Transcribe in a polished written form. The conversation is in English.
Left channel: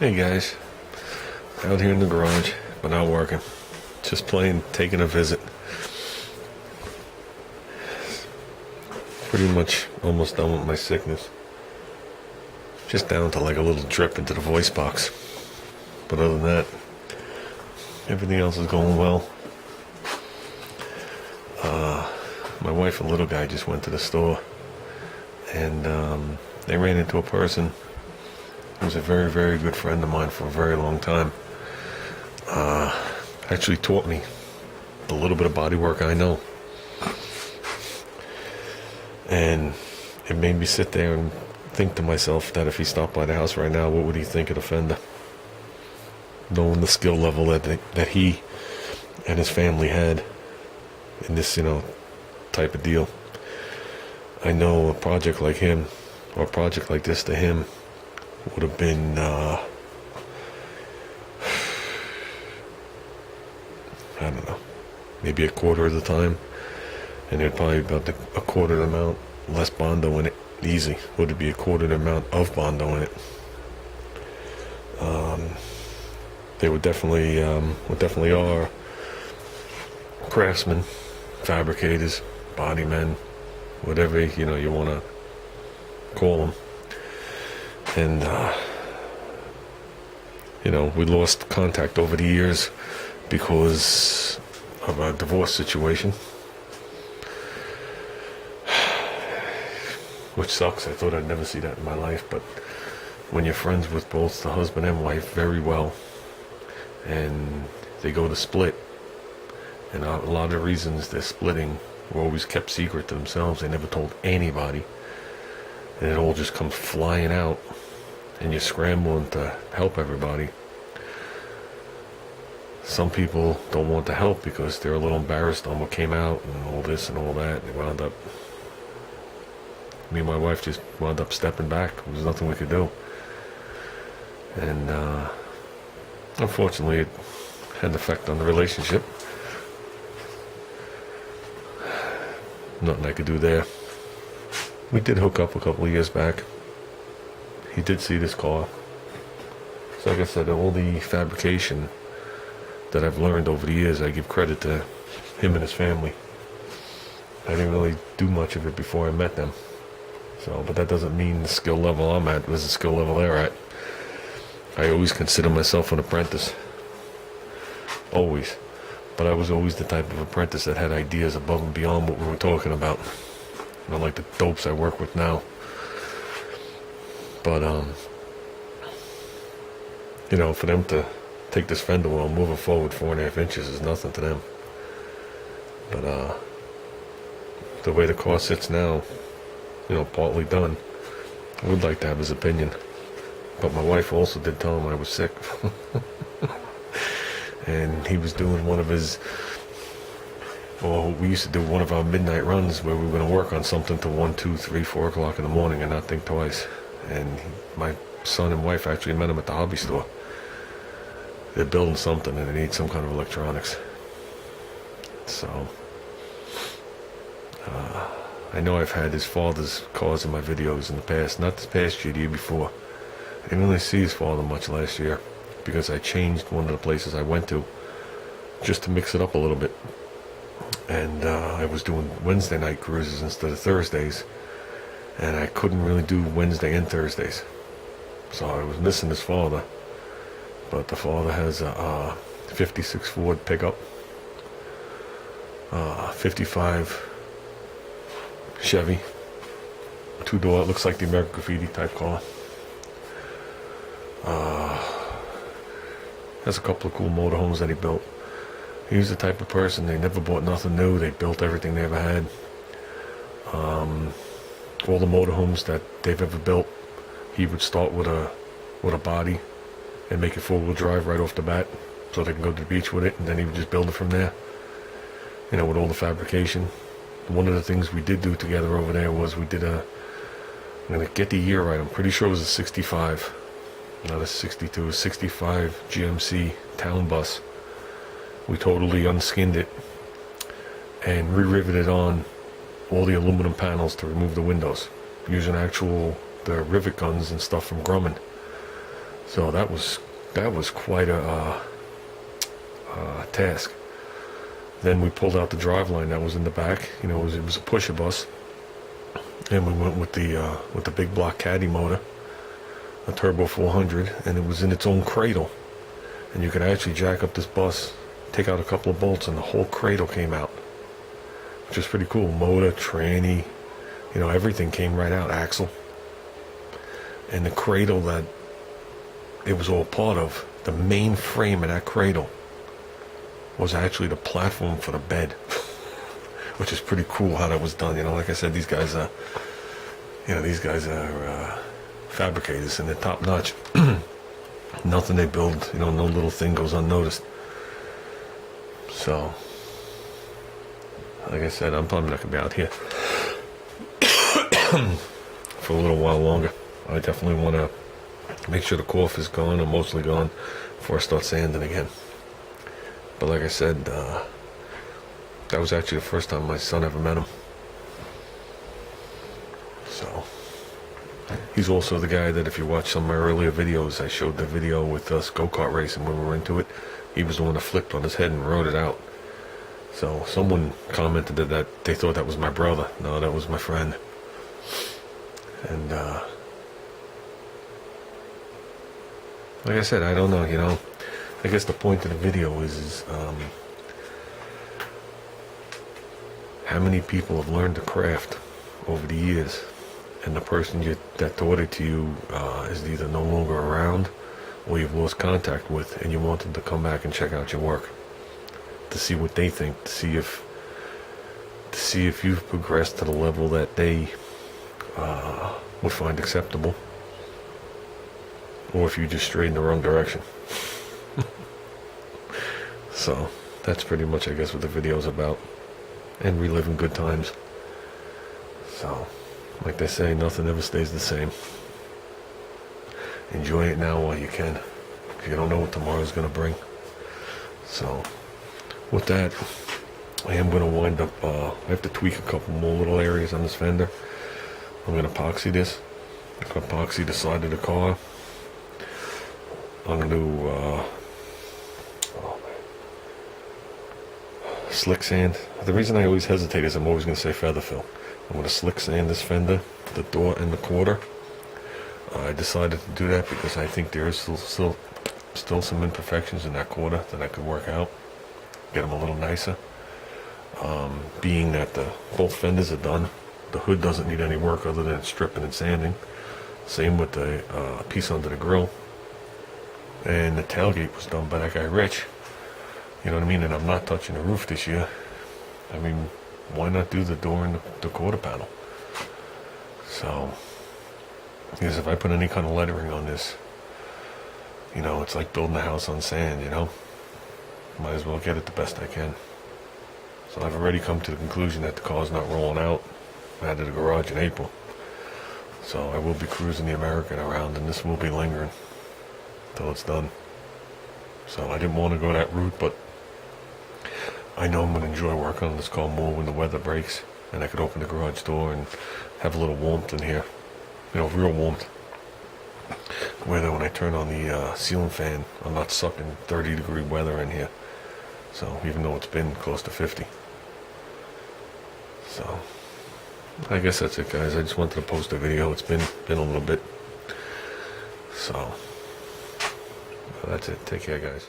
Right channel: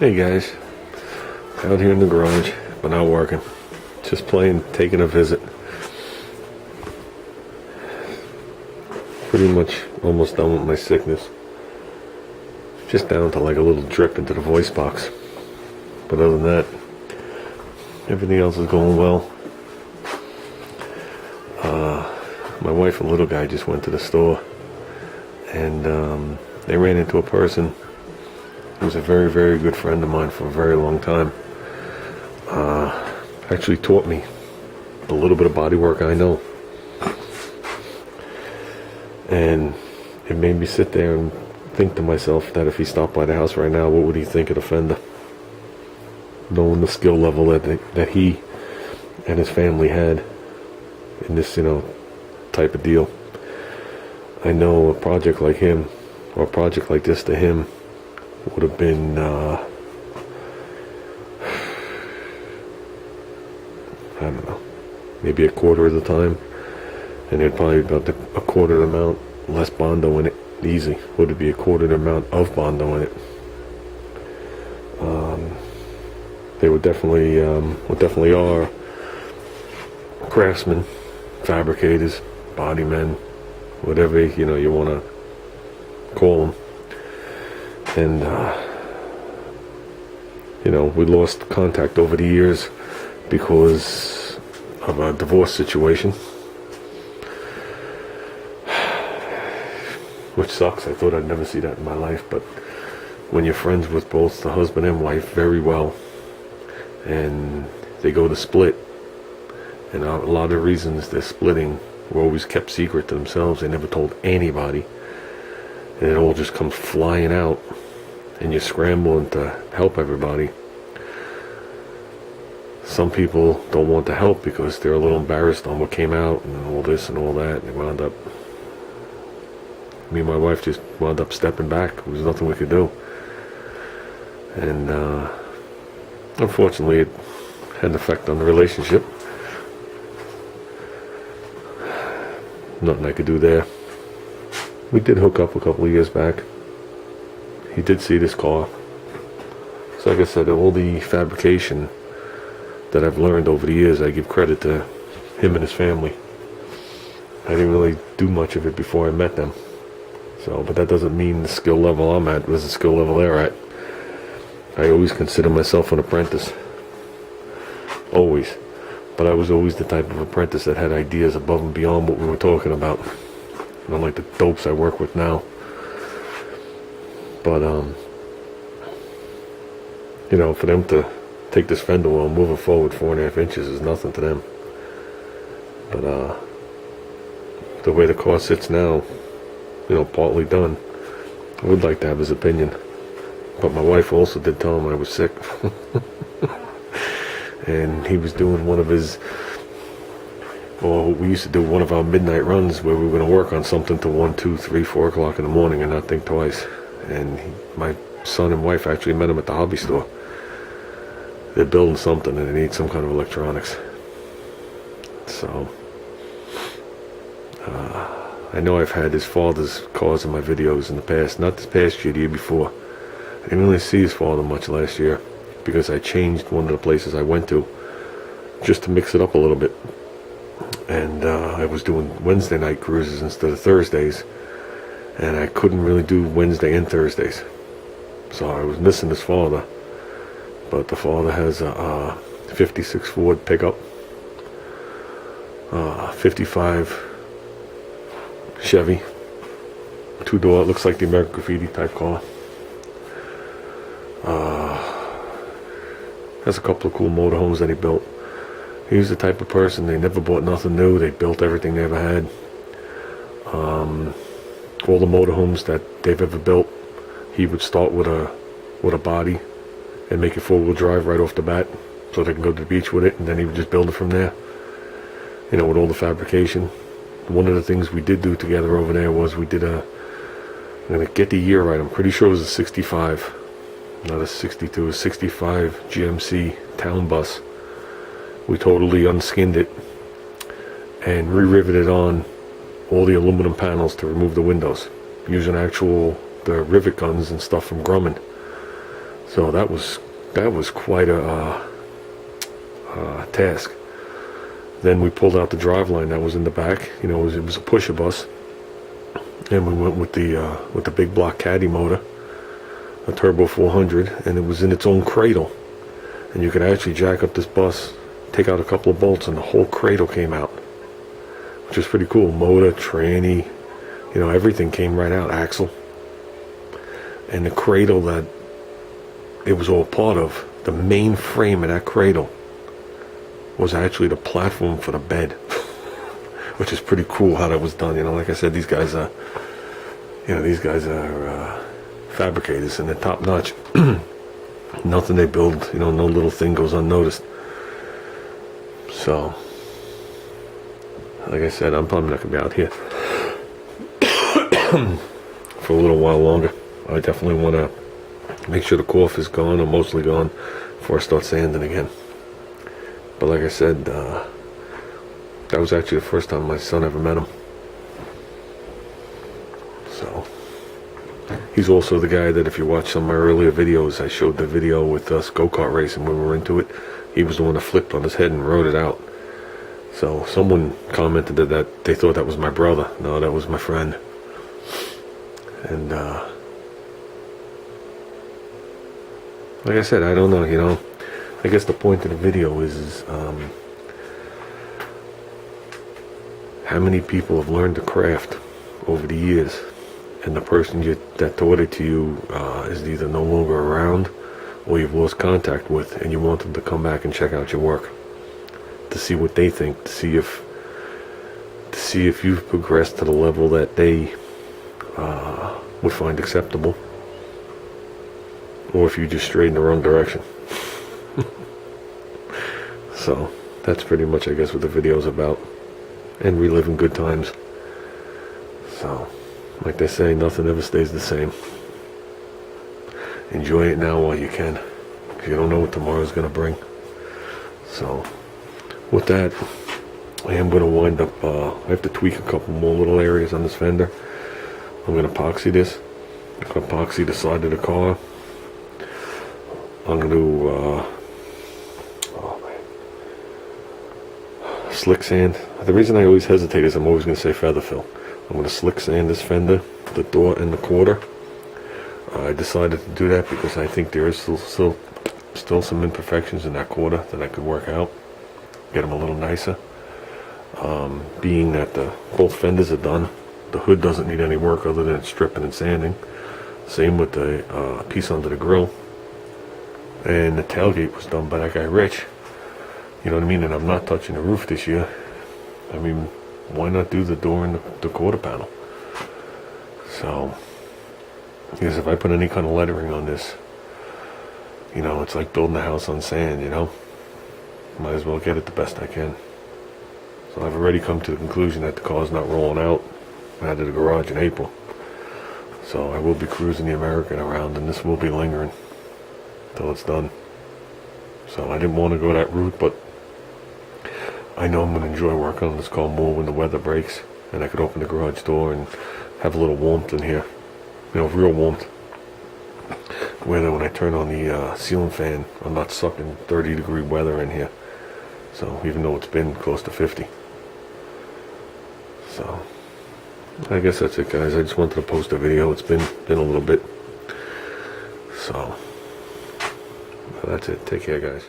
Hey guys, out here in the garage, but not working. Just playing, taking a visit. Pretty much almost done with my sickness. Just down to like a little drip into the voice box. But other than that, everything else is going well. My wife and little guy just went to the store, and they ran into a person who was a very, very good friend of mine for a very long time. Actually taught me the little bit of body work I know. And it made me sit there and think to myself that if he stopped by the house right now, what would he think of the Fender? Knowing the skill level that he and his family had in this, type of deal. I know a project like him, or a project like this to him, would have been, I don't know, maybe a quarter of the time, and there'd probably be about a quarter of the amount less Bondo in it. Easy. Would it be a quarter of the amount of Bondo in it? They would definitely are craftsmen, fabricators, body men, whatever you want to call them. And we lost contact over the years because of a divorce situation, which sucks. I thought I'd never see that in my life, but when you're friends with both the husband and wife very well, and they go to split, and a lot of reasons they're splitting were always kept secret to themselves. They never told anybody, and it all just comes flying out, and you're scrambling to help everybody. Some people don't want to help because they're a little embarrassed on what came out and all this and all that. They wound up, me and my wife just wound up stepping back. There was nothing we could do. And unfortunately, it had an effect on the relationship. Nothing I could do there. We did hook up a couple of years back. He did see this car. So like I said, all the fabrication that I've learned over the years, I give credit to him and his family. I didn't really do much of it before I met them. So, but that doesn't mean the skill level I'm at was the skill level they're at. I always consider myself an apprentice. Always. But I was always the type of apprentice that had ideas above and beyond what we were talking about. Not like the dopes I work with now. But, for them to take this fender well, moving forward 4.5 inches is nothing to them. But, the way the car sits now, partly done, I would like to have his opinion. But my wife also did tell him I was sick. And he was doing one of his, we used to do one of our midnight runs where we were going to work on something till 1, 2, 3, 4 o'clock in the morning and not think twice. And my son and wife actually met him at the hobby store. They're building something and they need some kind of electronics. So, I know I've had his father's cars in my videos in the past, not this past year, the year before. I didn't really see his father much last year because I changed one of the places I went to just to mix it up a little bit. And I was doing Wednesday night cruises instead of Thursdays, and I couldn't really do Wednesday and Thursdays. So I was missing his father. But the father has a 56 Ford pickup, 55 Chevy, 2-door, it looks like the American Graffiti type car. Has a couple of cool motorhomes that he built. He was the type of person, they never bought nothing new. They built everything they ever had. All the motorhomes that they've ever built, he would start with a body and make it 4-wheel drive right off the bat so they can go to the beach with it, and then he would just build it from there, with all the fabrication. One of the things we did do together over there was I'm going to get the year right, I'm pretty sure it was a 65, not a 62, a 65 GMC town bus. We totally unskinned it and re-riveted on all the aluminum panels to remove the windows using the rivet guns and stuff from Grumman. So that was quite a task. Then we pulled out the driveline that was in the back. You know, it was a pusher bus, and we went with the big block caddy motor, a turbo 400, and it was in its own cradle. And you could actually jack up this bus, take out a couple of bolts, and the whole cradle came out, which is pretty cool. Motor, tranny, you know, everything came right out, axle. And the cradle that it was all part of, the main frame of that cradle, was actually the platform for the bed, which is pretty cool how that was done. You know, like I said, these guys are fabricators, and they're top notch. Nothing they build, you know, no little thing goes unnoticed. So, like I said, I'm probably not gonna be out here for a little while longer. I definitely want to make sure the cough is gone, or mostly gone, before I start sanding again. But like I said, that was actually the first time my son ever met him. So, he's also the guy that, if you watch some of my earlier videos, I showed the video with us go-kart racing when we were into it. He was the one that flipped on his head and rode it out. So someone commented that they thought that was my brother. No, that was my friend. And like I said, I don't know, you know. I guess the point of the video is how many people have learned the craft over the years, and the person that taught it to you is either no longer around, or you've lost contact with, and you want them to come back and check out your work to see what they think, to see if you've progressed to the level that they would find acceptable, or if you just strayed in the wrong direction. So that's pretty much, I guess, what the video's about, and reliving good times. So, like they say, nothing ever stays the same. Enjoy it now while you can, because you don't know what tomorrow's going to bring. So, with that, I am going to wind up, I have to tweak a couple more little areas on this fender. I'm going to epoxy this. I'm going to epoxy the side of the car. I'm going to slick sand. The reason I always hesitate is I'm always going to say feather fill. I'm going to slick sand this fender, the door and the quarter. I decided to do that because I think there is still some imperfections in that quarter that I could work out, get them a little nicer. Being that both fenders are done, the hood doesn't need any work other than stripping and sanding. Same with the piece under the grill. And the tailgate was done by that guy Rich. You know what I mean? And I'm not touching the roof this year. I mean, why not do the door and the quarter panel? So, because if I put any kind of lettering on this, you know, it's like building a house on sand, you know? Might as well get it the best I can. So I've already come to the conclusion that the car's not rolling out out of the garage in April. So I will be cruising the American around, and this will be lingering till it's done. So I didn't want to go that route, but I know I'm going to enjoy working on this car more when the weather breaks, and I could open the garage door and have a little warmth in here. You know, real warmth. Where when I turn on the ceiling fan, I'm not sucking 30-degree weather in here. So, even though it's been close to 50. So, I guess that's it, guys. I just wanted to post a video. It's been a little bit. So, well, that's it. Take care, guys.